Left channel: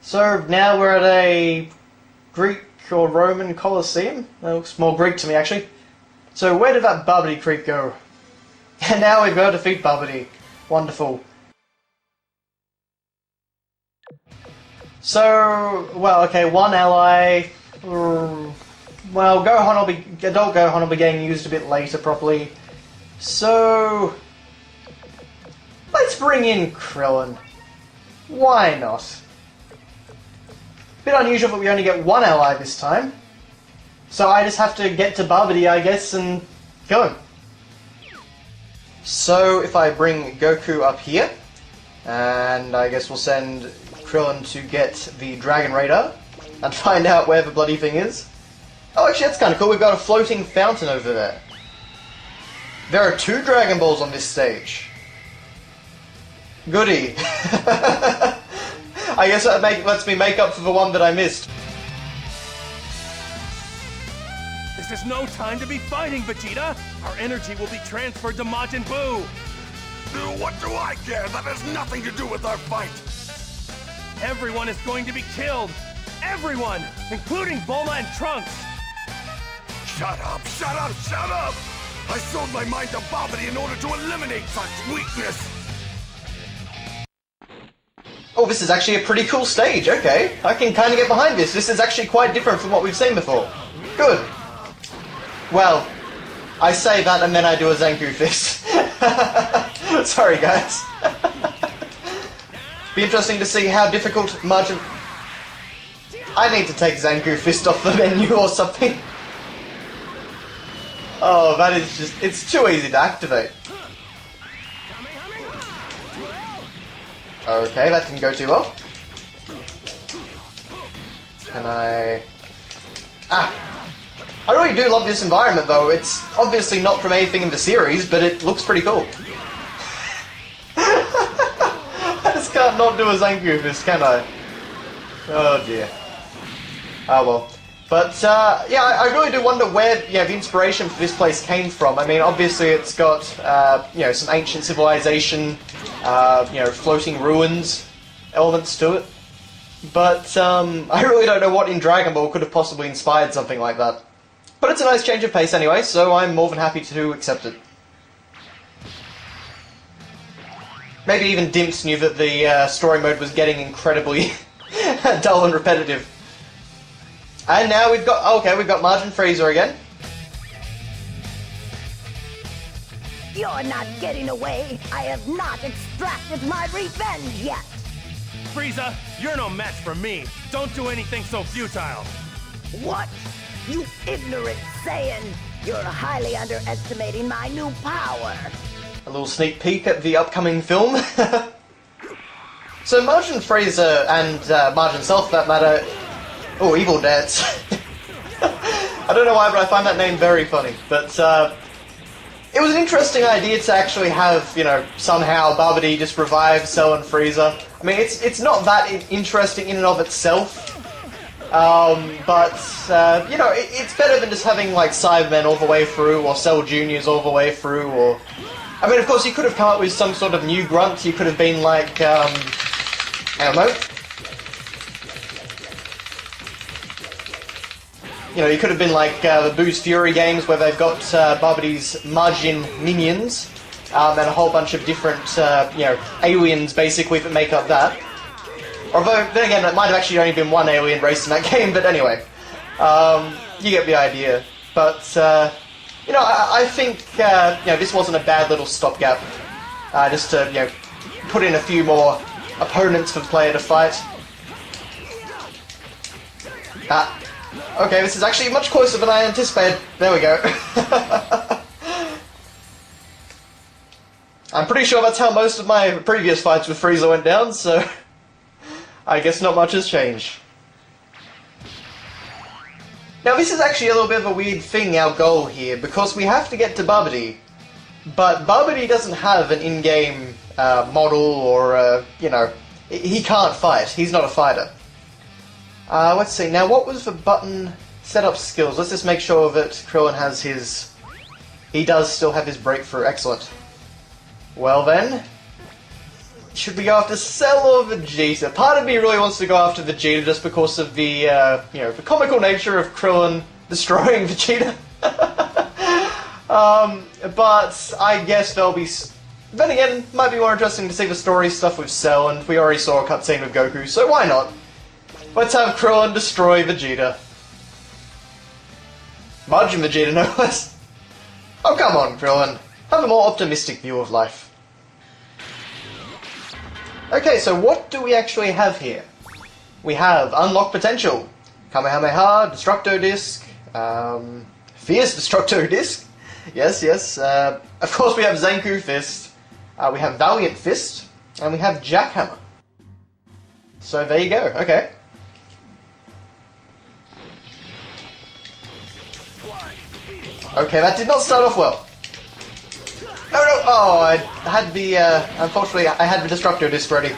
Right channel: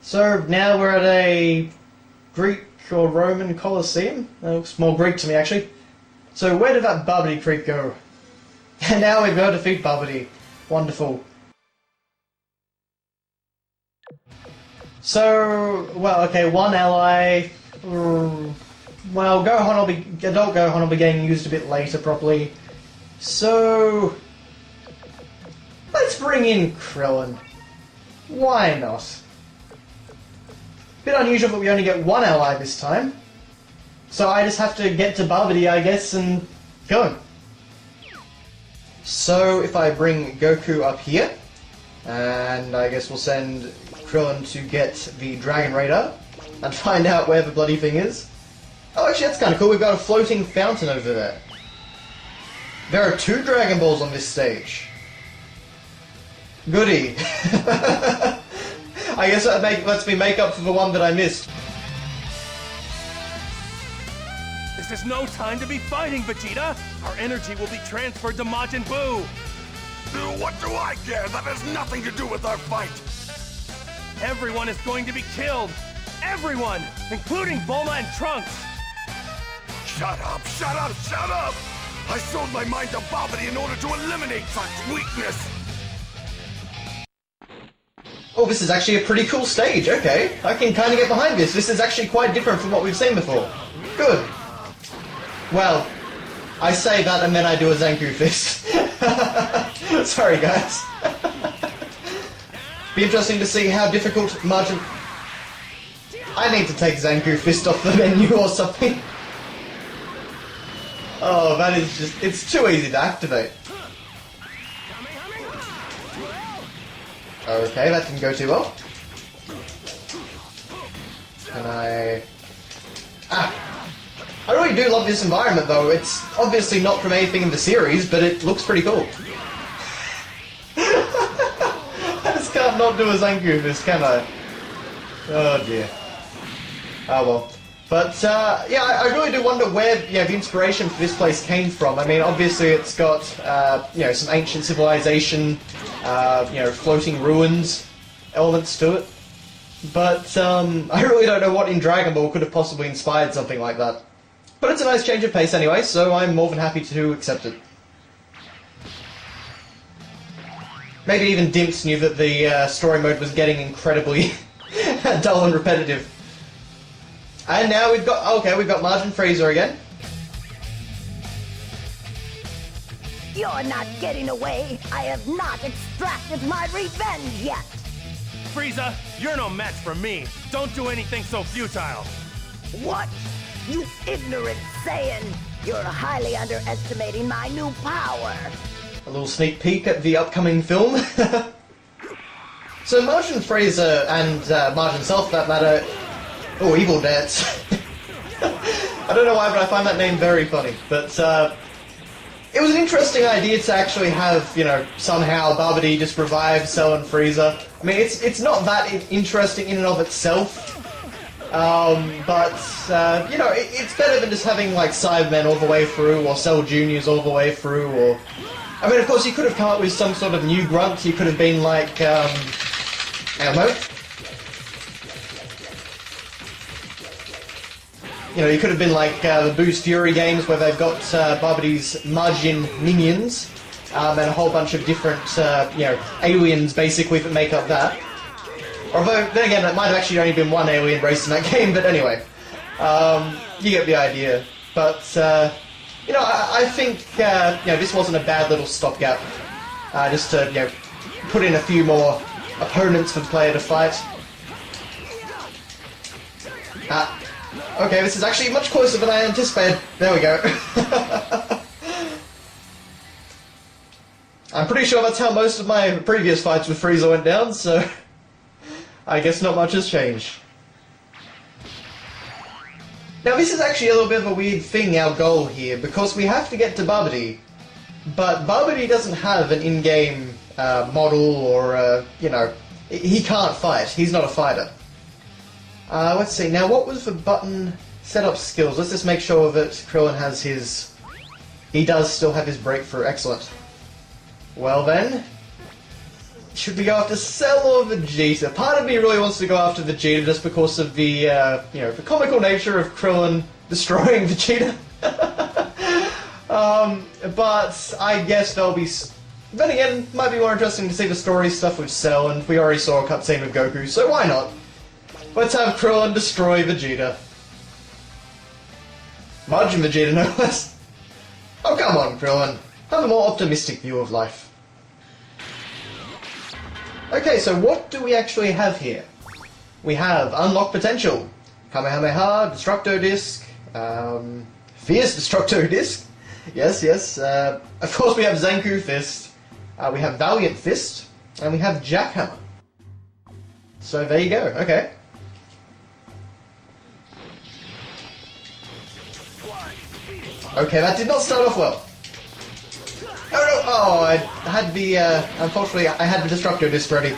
So now we're at a Greek or Roman Colosseum. That looks more Greek to me, actually. So where did that Babidi Creek go? And now we've got to defeat Babidi. Wonderful. So, well, okay, one ally. Well, adult Gohan will be getting used a bit later, properly. So, let's bring in Krillin. Why not? Bit unusual that we only get one ally this time. So I just have to get to Babidi, I guess, and kill him. So if I bring Goku up here, and I guess we'll send Krillin to get the Dragon Radar and find out where the bloody thing is. Oh, actually, that's kind of cool. We've got a floating fountain over there. There are 2 Dragon Balls on this stage. Goody. I guess that lets me make up for the one that I missed. This is no time to be fighting, Vegeta! Our energy will be transferred to Majin Buu! What do I care? That has nothing to do with our fight! Everyone is going to be killed! Everyone! Including Bulma and Trunks! Shut up, shut up, shut up! I sold my mind to Babidi in order to eliminate such weakness! Oh, this is actually a pretty cool stage, okay. I can kind of get behind this. This is actually quite different from what we've seen before. Good. Well, I say that and then I do a Zanku fist. Sorry, guys. Be interesting to see how difficult Majin... I need to take Zanku fist off the menu or something. Oh, that is just... It's too easy to activate. Okay, that didn't go too well. Can I... Ah! I really do love this environment, though. It's obviously not from anything in the series, but it looks pretty cool. I just can't not do a Zanku fist, can I? Oh dear. Oh well. But, yeah, I really do wonder where, the inspiration for this place came from. I mean, obviously it's got, some ancient civilization, floating ruins elements to it. But, I really don't know what in Dragon Ball could have possibly inspired something like that. But it's a nice change of pace anyway, so I'm more than happy to accept it. Maybe even Dimps knew that the story mode was getting incredibly dull and repetitive. And now we've got Majin Frieza again. You're not getting away. I have not extracted my revenge yet. Frieza, you're no match for me. Don't do anything so futile. What? You ignorant Saiyan! You're highly underestimating my new power. A little sneak peek at the upcoming film. So Majin Frieza and Majin Cell, for that matter... Oh, Evil Dance. I don't know why, but I find that name very funny. But, it was an interesting idea to actually have, somehow Babidi just revive Cell and Frieza. I mean, it's not that interesting in and of itself. But, it's better than just having, like, Cybermen all the way through, or Cell Juniors all the way through, or... I mean, of course, you could have come up with some sort of new grunt. You could have been like, I don't know. You could have been like the Boo's Fury games where they've got Babidi's Majin minions and a whole bunch of different, aliens basically that make up that. Although, then again, it might have actually only been one alien race in that game, but anyway. You get the idea. But, I think, this wasn't a bad little stopgap. Just to, put in a few more opponents for the player to fight. Okay, this is actually much closer than I anticipated. There we go. I'm pretty sure that's how most of my previous fights with Frieza went down, so... I guess not much has changed. Now this is actually a little bit of a weird thing, our goal here, because we have to get to Babidi, but Babidi doesn't have an in-game model or, he can't fight. He's not a fighter. Let's see, now what was the button setup skills? Let's just make sure that Krillin has his... He does still have his breakthrough, excellent. Well then... should we go after Cell or Vegeta? Part of me really wants to go after Vegeta just because of the, the comical nature of Krillin destroying Vegeta. But I guess there'll be... Then again, it might be more interesting to see the story stuff with Cell, and we already saw a cutscene with Goku, so why not? Let's have Krillin destroy Vegeta. Majin Vegeta, no less. Oh, come on, Krillin. Have a more optimistic view of life. Okay, so what do we actually have here? We have Unlock Potential, Kamehameha, Destructo Disc, Fierce Destructo Disc. Yes. Of course we have Zanku Fist, we have Valiant Fist, and we have Jackhammer. So there you go, okay. Okay, that did not start off well. Oh, I had the, unfortunately, I had the Destructo Disc ready.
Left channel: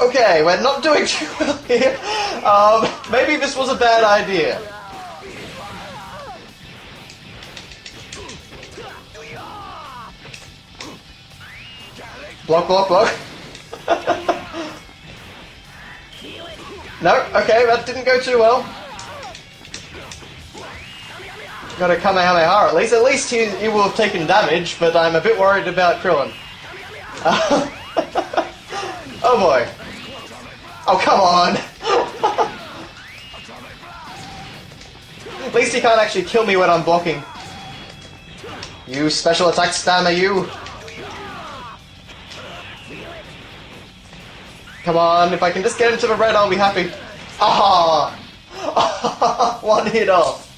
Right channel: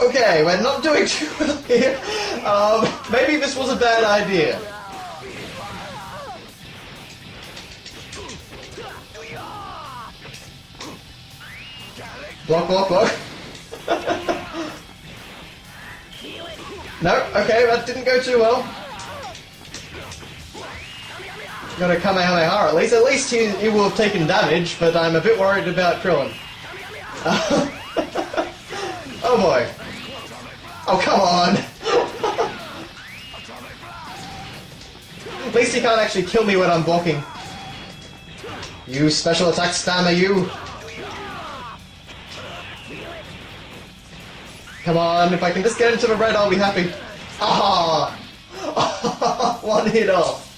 Okay, we're not doing too well here. Maybe this was a bad idea. Block. No, okay, that didn't go too well. Got a Kamehameha at least. At least he will have taken damage, but I'm a bit worried about Krillin. Oh boy. Oh, come on! At least he can't actually kill me when I'm blocking. You special attack spammer, you! Come on, if I can just get into the red, I'll be happy. Ah! One hit off.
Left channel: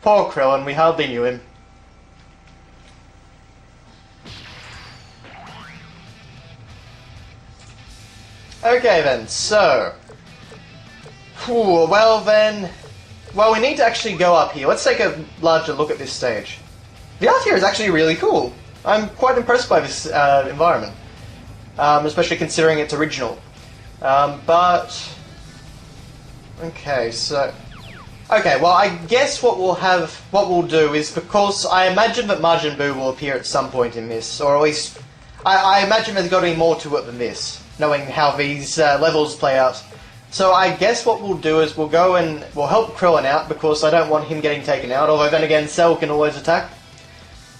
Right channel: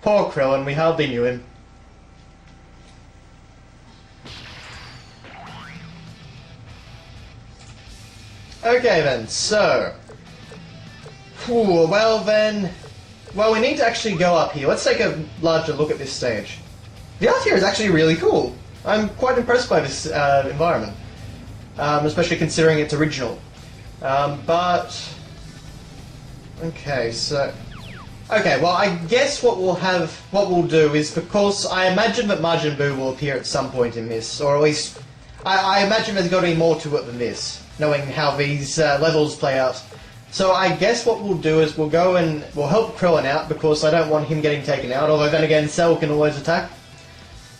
Poor Krillin, we hardly knew him. Okay then, so... well, we need to actually go up here. Let's take a larger look at this stage. The art here is actually really cool. I'm quite impressed by this environment. Especially considering it's original. But... okay, so... okay, well, I guess what we'll do is, because I imagine that Majin Buu will appear at some point in this, or at least, I imagine there's got to be more to it than this, knowing how these levels play out. So I guess what we'll do is we'll go and we'll help Krillin out, because I don't want him getting taken out, although then again, Cell can always attack.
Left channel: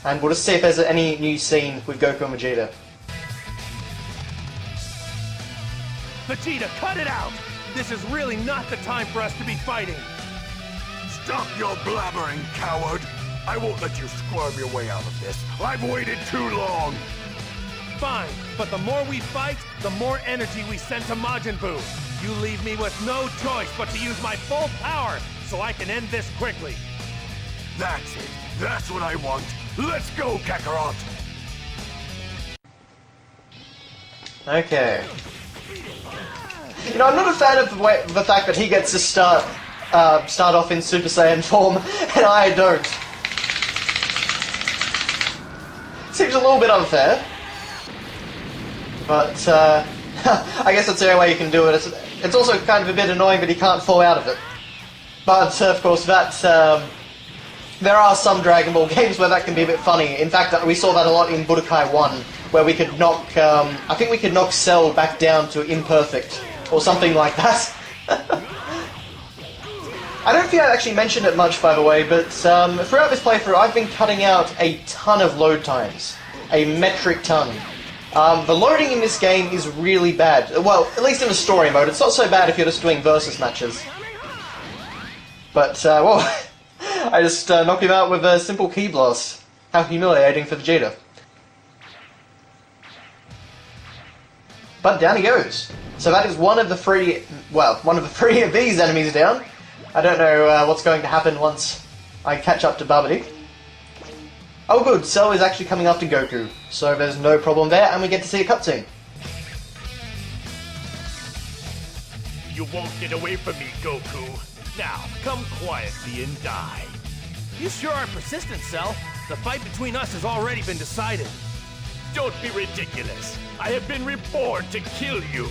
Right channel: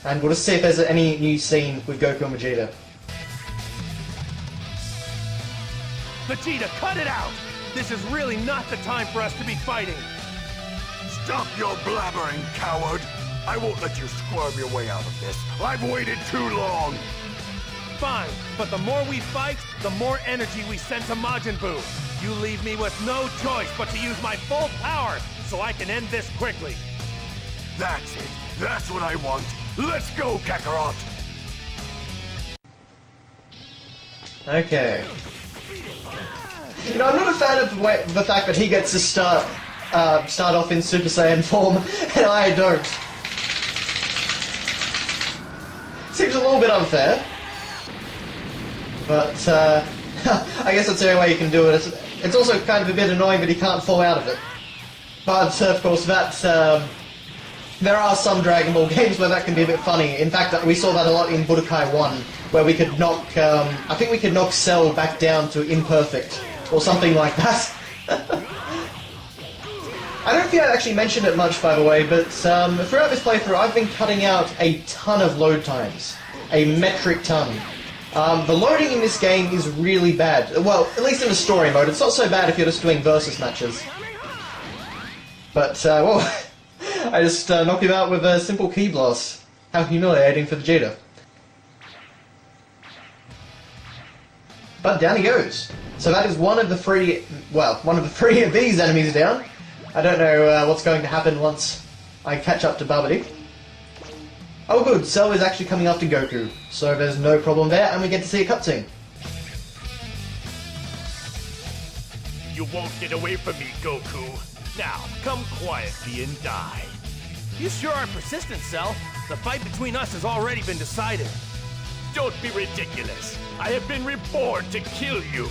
And we'll just see if there's any new scene with Goku and Vegeta. Vegeta, cut it out! This is really not the time for us to be fighting. Stop your blabbering, coward! I won't let you squirm your way out of this. I've waited too long! Fine, but the more we fight, the more energy we send to Majin Buu. You leave me with no choice but to use my full power, so I can end this quickly. That's it. That's what I want. Let's go, Kakarot! Okay. You know, I'm not a fan of the fact that he gets to start off in Super Saiyan form, and I don't. Seems a little bit unfair. But, I guess that's the only way you can do it. It's also kind of a bit annoying that he can't fall out of it. But, of course, there are some Dragon Ball games where that can be a bit funny. In fact, we saw that a lot in Budokai 1, where we could knock, I think we could knock Cell back down to imperfect, or something like that. I don't think I actually mentioned it much, by the way, but throughout this playthrough I've been cutting out a ton of load times. A metric ton. The loading in this game is really bad. Well, at least in the story mode. It's not so bad if you're just doing versus matches. But, well, I just knocked him out with a simple key blast. How humiliating for Vegeta. But down he goes. So that is one of the three of these enemies down. I don't know what's going to happen once I catch up to Babidi. Oh good, Cell is actually coming after Goku, so there's no problem there, and we get to see a cutscene. You won't get away from me, Goku. Now, come quietly and die. You sure are persistent, Cell. The fight between us has already been decided. Don't be ridiculous. I have been reborn to kill you.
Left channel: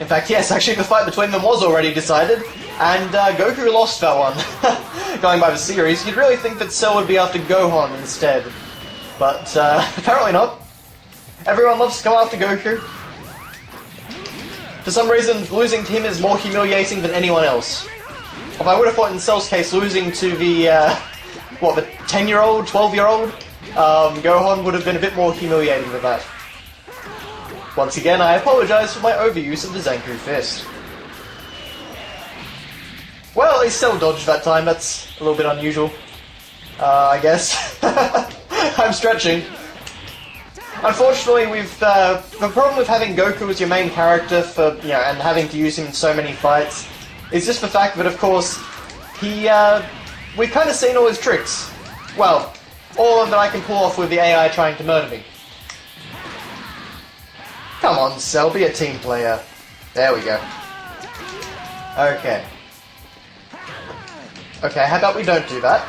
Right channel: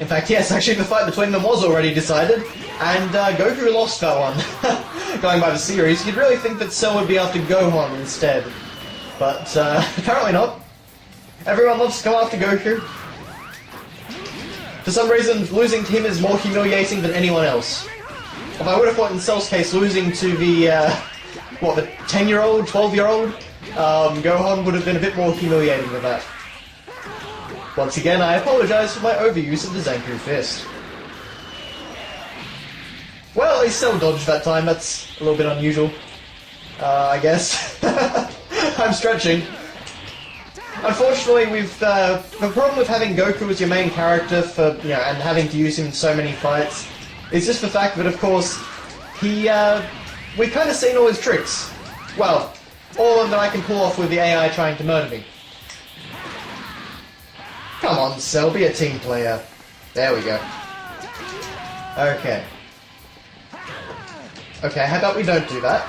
In fact, yes, actually the fight between them was already decided, and Goku lost that one. Going by the series, you'd really think that Cell would be after Gohan instead. But apparently not. Everyone loves to come after Goku. For some reason, losing to him is more humiliating than anyone else. If I would have thought in Cell's case, losing to the, the 10-year-old, 12-year-old, Gohan would have been a bit more humiliating than that. Once again, I apologise for my overuse of the Zanku Fist. Well, at least Cell dodged that time, that's a little bit unusual. I guess. I'm stretching. Unfortunately, the problem with having Goku as your main character for, and having to use him in so many fights is just the fact that, of course, we've kind of seen all his tricks. Well, all of that I can pull off with the AI trying to murder me. Come on, Cell, be a team player. There we go. Okay. Okay, how about we don't do that?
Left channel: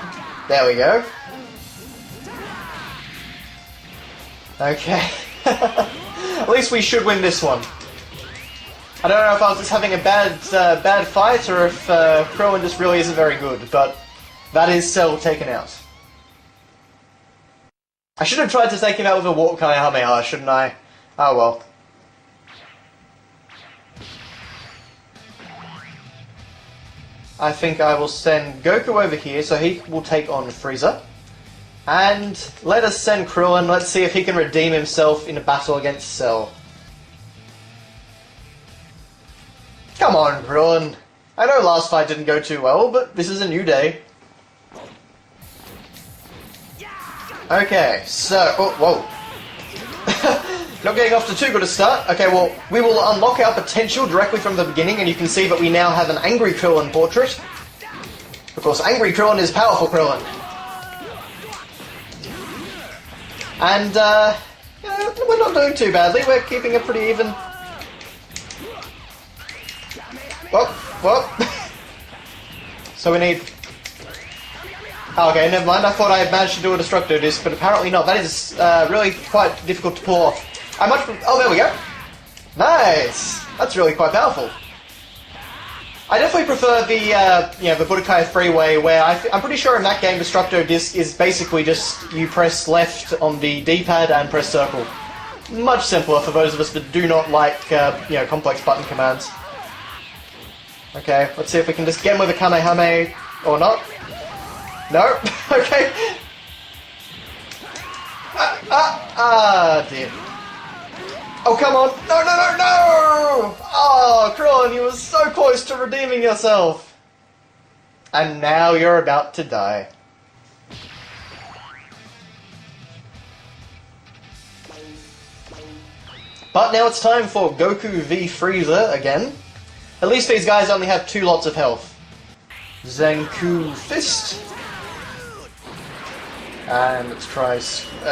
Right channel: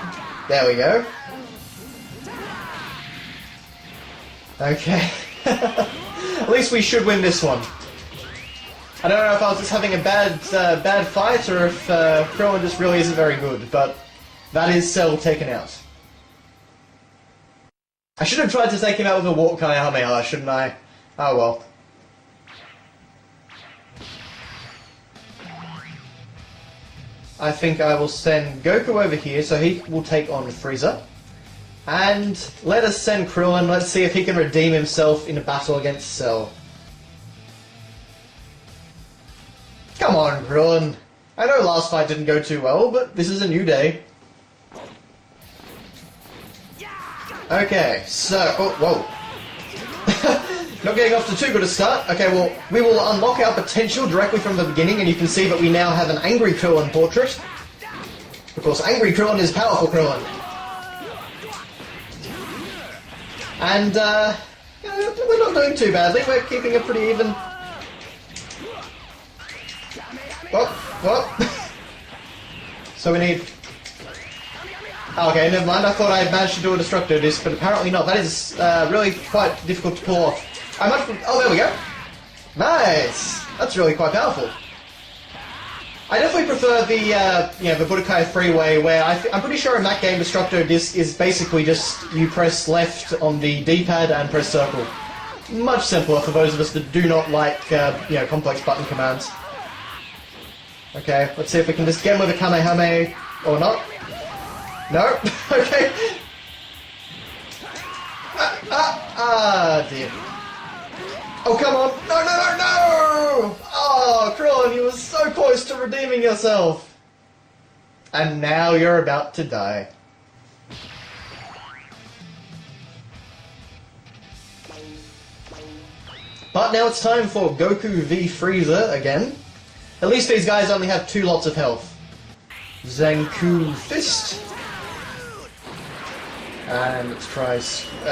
There we go. Okay. At least we should win this one. I don't know if I was just having a bad fight or if Krillin just really isn't very good, but that is Cell taken out. I should have tried to take him out with a Warp Kamehameha, shouldn't I? Oh well. I think I will send Goku over here so he will take on Frieza. And let us send Krillin, let's see if he can redeem himself in a battle against Cell. Come on, Krillin. I know last fight didn't go too well, but this is a new day. Okay, so... Oh, whoa. Not getting off to too good a start. Okay, well, we will unlock our potential directly from the beginning, and you can see that we now have an Angry Krillin portrait. Of course, Angry Krillin is powerful Krillin. And, we're not doing too badly. We're keeping it pretty even. Whoop. So we need... Okay, never mind. I thought I had managed to do a Destructo Disc, but apparently not. That is really quite difficult to pull off. Oh, there we go. Nice! That's really quite powerful. I definitely prefer the Budokai Freeway, where I'm pretty sure in that game Destructo Disc is basically just you press left on the D-pad and press circle. Much simpler for those of us that do not like, complex button commands. Okay, let's see if we can just get him with a Kamehameha, or not. No? Okay. Dear. Oh, come on! No! Oh, Krillin, you were so close to redeeming yourself! And now you're about to die. But now it's time for Goku v Frieza again. At least these guys only have 2 lots of health. Zanku Fist. And let's try...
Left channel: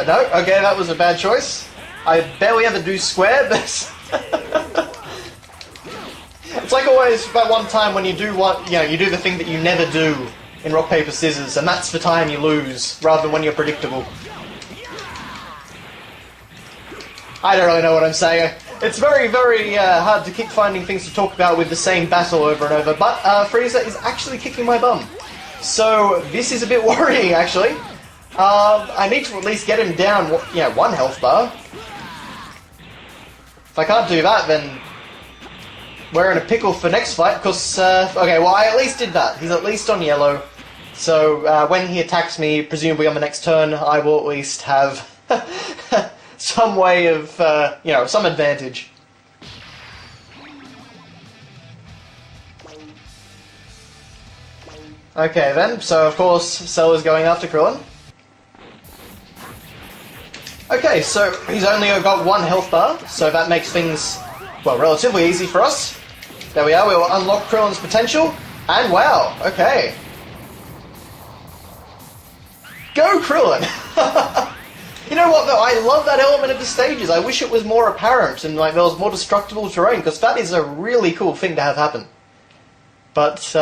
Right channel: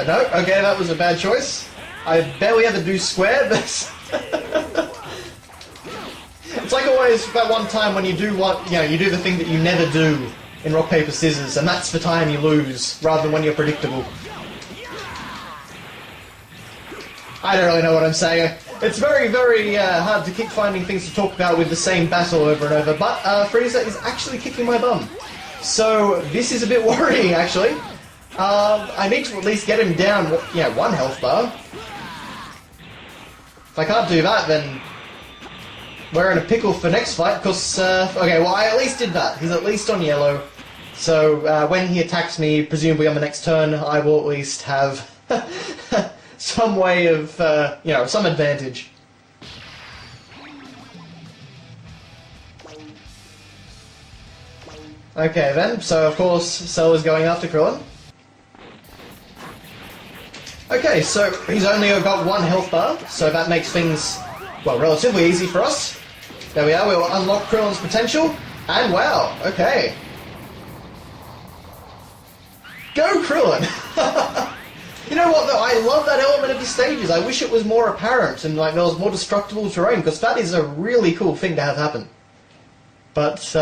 no, okay, that was a bad choice. I barely ever do square, but... It's like always that one time when you do you do the thing that you never do in rock, paper, scissors, and that's the time you lose, rather than when you're predictable. I don't really know what I'm saying. It's very, very hard to keep finding things to talk about with the same battle over and over, but Frieza is actually kicking my bum. So this is a bit worrying, actually. I need to at least get him down, 1 health bar. If I can't do that, then we're in a pickle for next fight, because, okay, well, I at least did that. He's at least on yellow. So, when he attacks me, presumably on the next turn, I will at least have some way of, some advantage. Okay, then, so of course, Cell is going after Krillin. Okay, so he's only got 1 health bar, so that makes things, well, relatively easy for us. There we are, we will unlock Krillin's potential, and wow, okay. Go Krillin! You know what though, I love that element of the stages. I wish it was more apparent and there was more destructible terrain, because that is a really cool thing to have happen. But,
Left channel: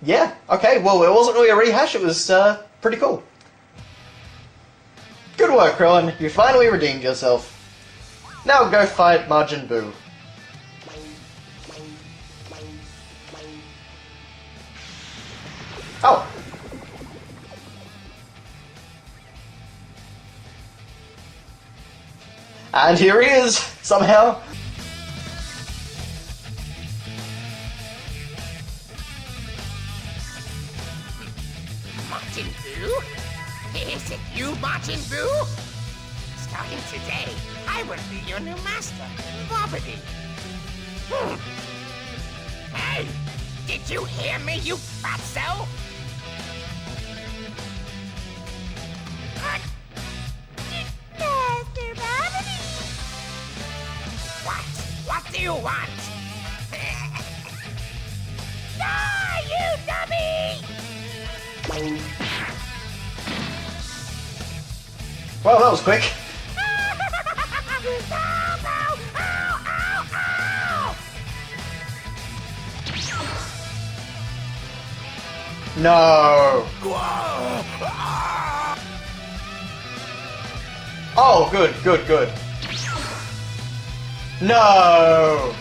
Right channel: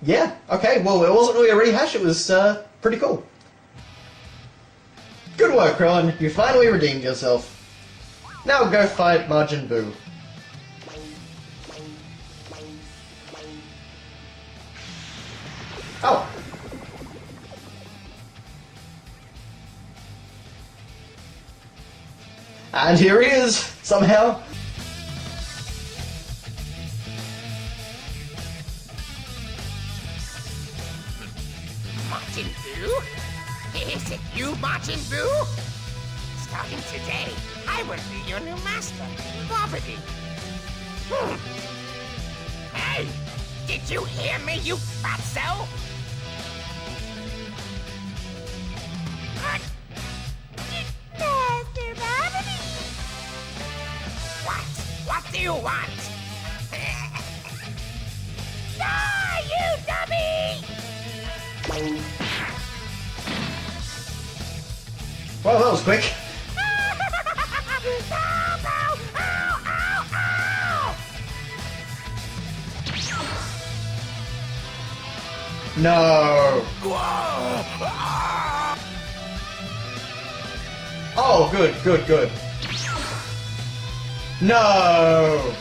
yeah, okay, well, it wasn't really a rehash, it was pretty cool. Good work, Krillin. You finally redeemed yourself. Now go fight Majin Buu. Oh! And here he is, somehow. Majin Buu? Is it you, Majin Buu? Starting today, I will be your new master, Babidi. Hey! Did you hear me, you fatso? Master Babidi! What? What do you want? Die, you dummy! Well, that was quick. No. Oh, good, good, good. No.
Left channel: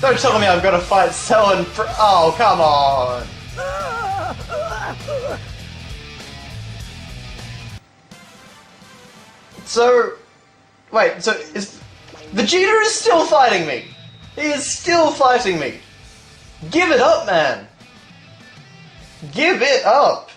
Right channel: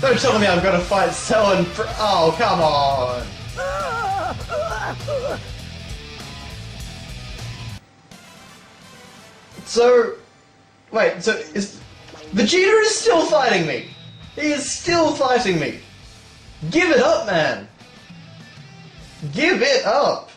Don't tell me I've got to fight Cell and oh, come on. So, wait, so is Vegeta is still fighting me? He is still fighting me. Give it up, man. Give it up.